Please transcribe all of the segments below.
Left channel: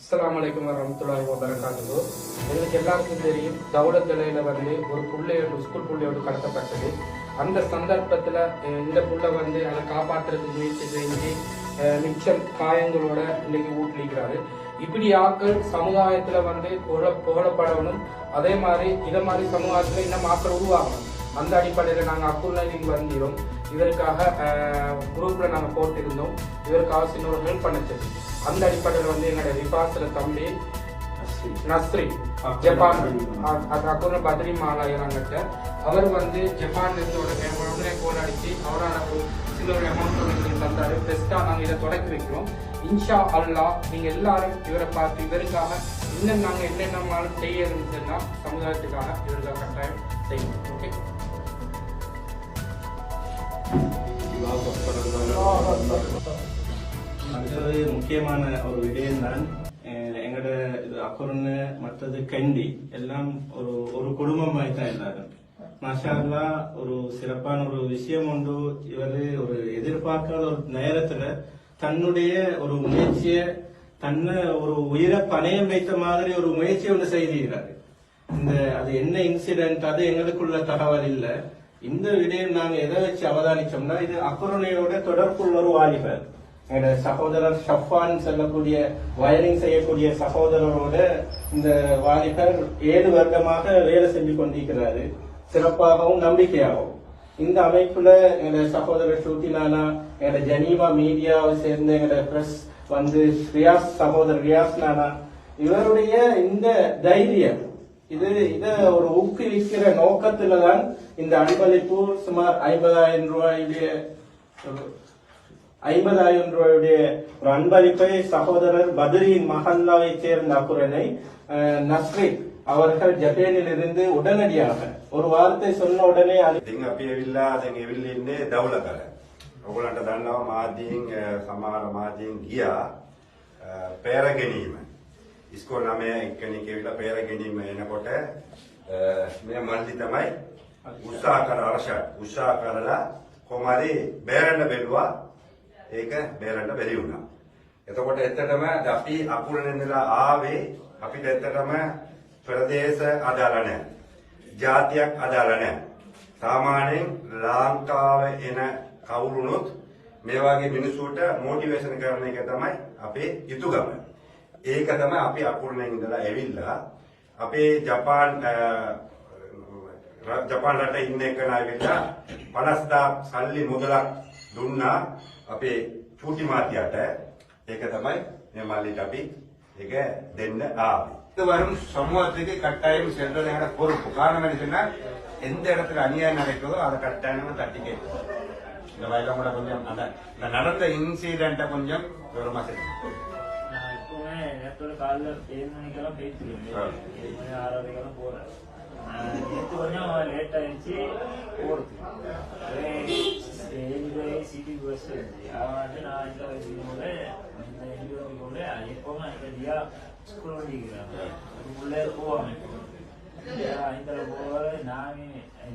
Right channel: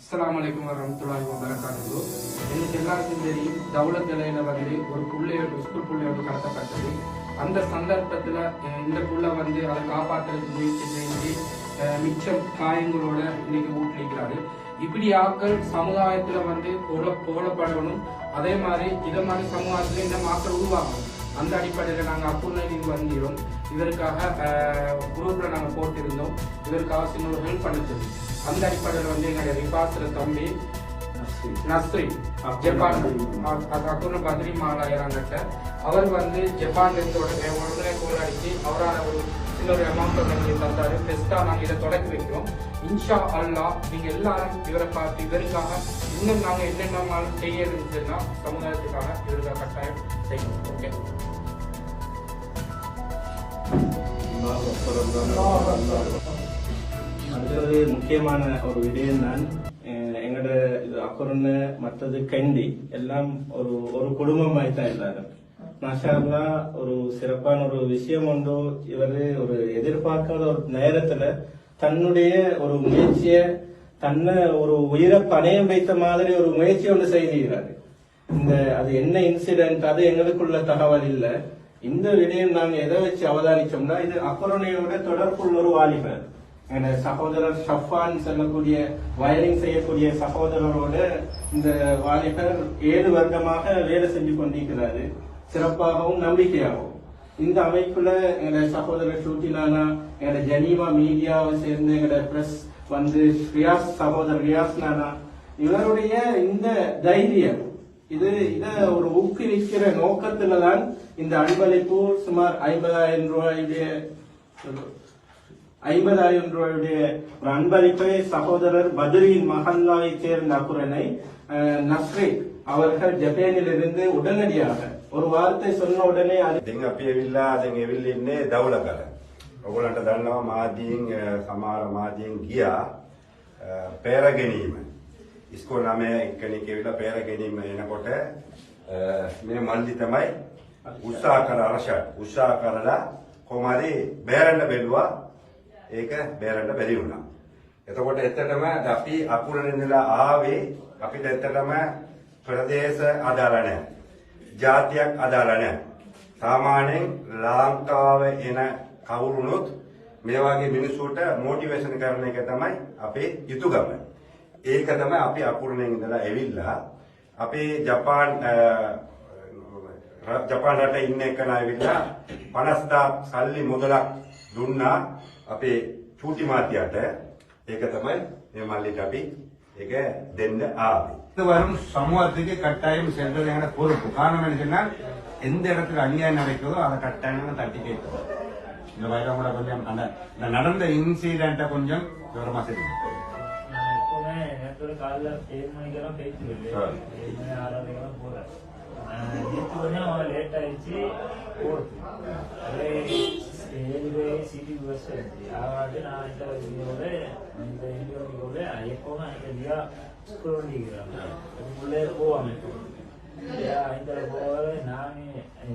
அஸ்ஸலாமு அலைக்கும் வரஹ்மத்துல்லாஹி வபரகாத்துஹு. உங்களுக்கு எல்லாருக்கும் தெரியும், தௌலத் நிலையில ஒரு புள்ளையோட ஸ்கூல் புள்ளையோடு கடத்தப்பட்டது. அந்த சந்தர்ப்பத்துல இந்த புள்ள அதை காப்பாற்றுறதுக்கு முயற்சி செஞ்சு மிச்சம் காயங்களோட இன்னைக்கு ஊட்டிக்கிறாரு. இப்படி ஆட்கள் சமுதாயத்துல புகழப்படணும். அதே மாதிரி இதை மாதிரி சமுதாயத்துல இன்னும் ஆட்கள் உருவாகணும். அந்த அடிப்படையில் நாங்கள் அப்புறம் வந்திரோம். இதற்காக குரூப்ல நாங்கள் போட்டிருந்தோம். இதற்காக சின்ன ஒரு ஹெல்ப் பண்ணிச்சது. அந்த அடிப்படையில் எங்களுடைய ரிபாஸ்ல தம்பி நஸ்ரி ஜப்பான் அப்புறம் பத்ரி மாலாயராங்கிட்ட அவர் ஜப்பான்ல இருந்து உடனே கோல் அடிச்சு அவரான ஒரு சின்ன ஒரு அமௌண்ட் ஒன்று தந்தாரு. பெஸ்டா நாங்கள் இதை தொடக்கி வைக்கிறோம். இன்ஷா அல்லா நீங்க எல்லாரும் இவரை பார்த்து இதற்காக இன்னும் நாங்கள் என்னென்னாலும் செய்ய இருந்துச்சுன்னா சமுதாயத்துக்காக இவருக்காக கட்டாயம் செய்யணும். ஓகே, அடுத்தது முக்கியமான ஒரு விடயம் தான் எங்கட இது அக்குரன்னு மற்றது கண்டி எல்லாம் ஒரு ஒரு குடும்பமாய் தான் எல்லாரும். மாஷா அல்லாஹ் ஒரு சிறப்பான ஒரு விஷயம் உண்டு. இவரு ஒரு எதிர்பார்க்காத ஒரு நேரத்துல தன்னுடைய ஒரு முயற்சிய தன்னை ஒரு உயிரை பணையம் வைத்த மாதிரி ஒரு முயற்சி ஒன்று செய்திருக்கிறாரு. அது என்ன இன்சிடென்ட் அது எங்களுக்குள்ள தகவல் இல்ல. இந்த விடயம் நாங்க எதை வச்சு அவதானிச்சோம்னா, இது அக்குரணையோட தொடர்புள்ள ஒரு வாலிபர் எங்க சகோதரர் ஷஃபான் செல்லக்கூடிய வயரிங் செய்யக்கூடிய சகோதரரோட இந்த வாலிபர் 7 வருடமாக வேலை செஞ்சு கொண்டிருக்கிறாரு, சிறப்பாகவும் நம்பிக்கையாகவும். இந்த அமைப்புல எங்க சகோதரர் ஷூட்டினானா எங்க ஜெனீவா மீடியாவை சேர்ந்த எங்க பிரஸ் ரியாஸ் சகோதரர் ரியாஸ் நானா இவருடைய இந்த தைரியம் இத ஒரு ஊக்குவிக்கிற நோக்கத்துலதான் இந்த அன்பளிப்பு சுமார் 50,000 ரூபாயுடைய ஒரு அன்பளிப்பை சகோதரர் பத்ரியின் மஹல்லாவை சேர்ந்த அக்குரனை நஸ்ரி அவர்கள் ஜப்பானில் இருந்து உடனடியாக ஒரு வார்த்தை சொன்ன உடனே ඔගොල්ලන්ට දන්නවා මාධ්‍යයෙන් සමහර මාධ්‍යයෙන් ගියා පෙර ගැනීම ඉස්කෝල 9 එක්කෙනෙක් ඇවිල්ලා පෙර ගැනීම එනකොට මේ මල්ලි තමයි උත්සාහ කරලා කොහොමරි බේරන්න බැලුවා. ඒක බේරන්න බැරි වුණා. එතකොට ඇත්තටම අපි අකුරෙන් ඉඳලා ආවේ අපිට ඇත්තටම ප්‍රදේශ අදාළ නැහැ. ජාතියක් අදාළ නැහැ. සාමාන්‍යයෙන් ලංකාවේ එන කවුරුනොත් මේ වගේ මිනිස්සුන්ට මොටිවේෂන් කරන එක තමයි අපේ යුතුයකම. ඒක තමයි අපි අකුරණෙන් ඉඳලා ඇවිල්ලා අපේ ජපාන් රටේ ඉන්න එකන ඇවිල්ලා 50,000 සල්ලි මුදලක් දුන්නා අපේ චූටි මාත්‍යට. ඒක තමයි මේ මල්ලිට අපි ඒක දෙන්න ආවේ. இது வரும் சமூகத்துக்கு கட்டாயம் சென்றது என பொறுப்பு. காரணம் என்னன்னா எந்த இடத்துல அநியாயம் நடக்கிறதோ அதை கட்டாயமா தட்டி கேட்கணும். இந்த வயலம் கூட கொஞ்சம் அந்த நடந்த இன்சிடென்ட கொஞ்சம் விவரமா தெரியும். காலைல 7 மணிக்கெல்லாம் பேசிடுவேன். 7 மணி 6:30 போறேன். நேற்று கொஞ்சம் லேட் ஆயிடுச்சு போறது. 7 சிட்டிக்கு பஸ் இருந்துச்சு. அதனால நான் இந்த இன்டர்வியூட எப்பவுமே அந்த தியா ஸ்கூல் வண்டிக்கிறாங்க. அதுக்குள்ளே போவாங்க. ஐந்தரை போக நானே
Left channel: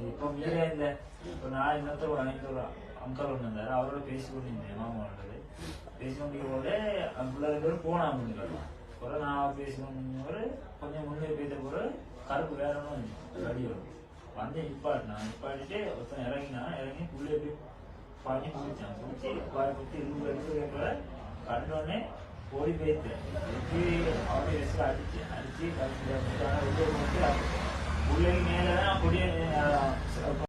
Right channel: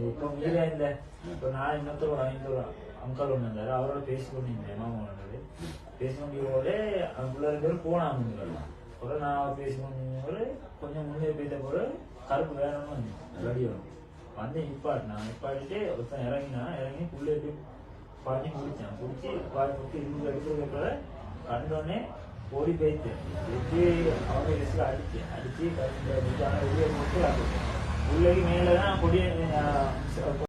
இப்போ மீறே இல்லை. இப்போ நான் இன்னொருத்தர் 5 அங்கல் ஒன்று இருந்தாரு. அவரோட பேசிக்கொண்டிருந்தேன். மாமாவோட பேசிக்கொண்டியோட அதுக்குள்ள 2 பேரும் போனாங்க. அப்புறம் நான் பேசிக்கொண்டு கொஞ்சம் முன்னே போயிட்ட போது கருப்பு வேணும்னு வண்டி நிப்பாட்டிட்டு ஒருத்தன் இறங்கி புள்ளே போய் பாட்டி குடிச்சான். குடிச்சு குடிச்சு இருக்கிற கண்டோடனே ஓடி போயிட்டேன். அவனை அடிச்சு வெளியே போட்டு உள்ளே மேலதான் கொடிய